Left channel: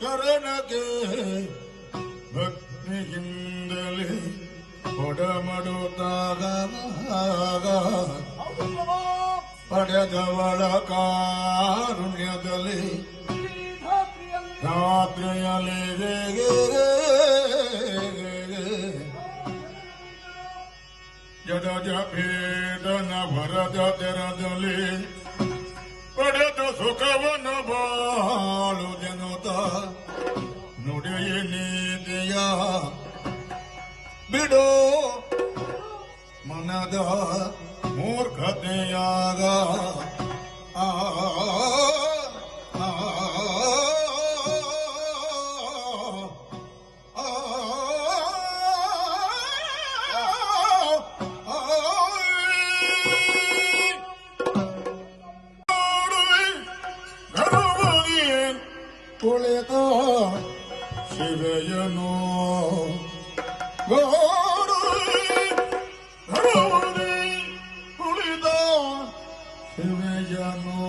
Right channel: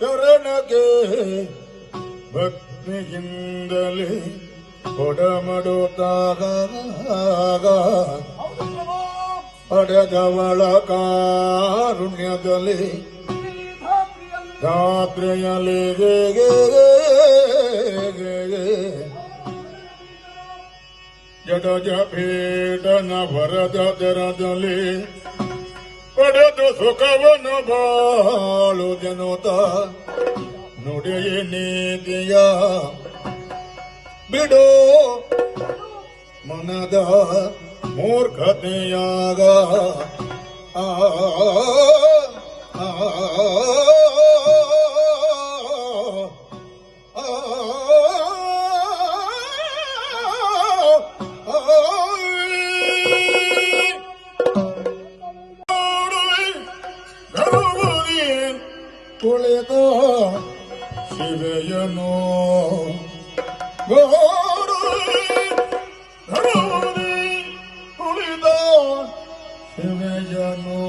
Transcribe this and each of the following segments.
ಶರಣಗೆ ಭಕ್ತಿಯಿಂದಲೇ ಕೊಡಮಡುತ್ತಾಗ ಪಡೆದವಳ ಕಾರುಣ್ಯದಲ್ಲಿ ರಾತ್ರಿಯಲ್ಲಿ ಜಡಜ ಪೀಡನ ವರದ ತೆರದಲ್ಲಿ ಪಡೆದು ಸುಖವನ್ನು ಬಾಳು ಜನತ ನುಡಿಯ ನೀತಿಯ ಬಿಡು ಮನದ ಮೂರ್ಖತೆಯಾಗ ಆ ಆ, ಆ, ಕುಳಿತ ಶಿವೆಯನು. ಗೋಡು ಕುಳಿದ ಶಿವೆಯನು.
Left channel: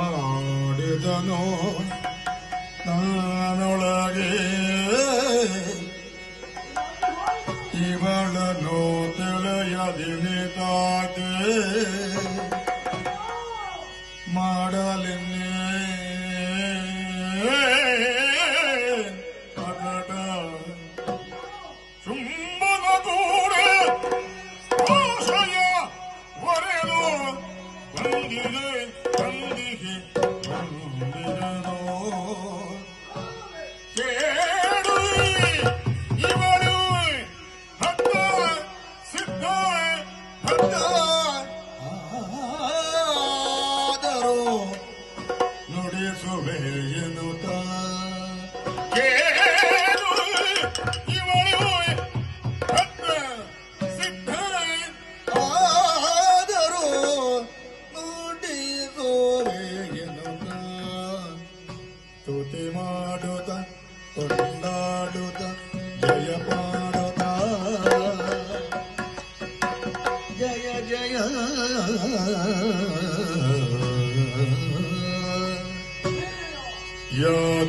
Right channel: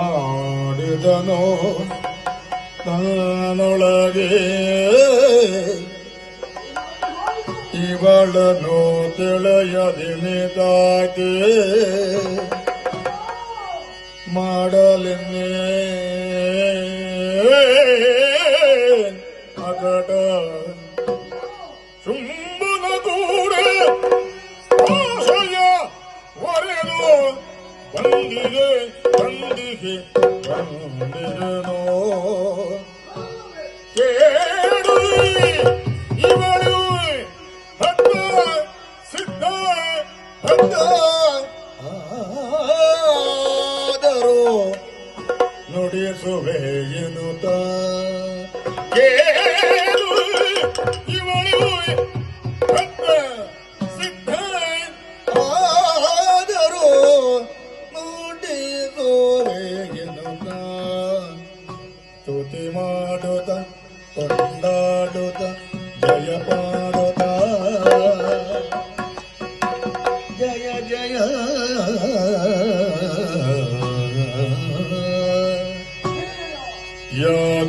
ಆಡಿದನು ತಾನೊಳಗೆ ಇವಳನು ತಿಳಿಯದಿನಿದಾಗೆ ಮಾಡಲೆನ್ನೇ ಅಕಟ ಚುಂಬನ ಕೂಡ ಆಶಯ ಒರೆದು ಬಂದಿದೆ ಬಂದಿಗೆ ಬಂದಿರನೋ ಕೇಳು ಇವಳು ಭಕ್ತ ಸಿದ್ಧ ಭಕ್ತ ಆದರೂ ನುಡಿಸುವೆ ಎನ್ನುತ್ತ. ಕೇಳು ಇವಳು ಭಕ್ತ ಸಿದ್ಧ ಆದರೂ ನುಡಿಸುವೆ ಎನ್ನುತ್ತ. ಸ್ತುತಿ ಮಾಡುತ್ತ ಕೊಂಡಾಡುತ್ತ ಜಯ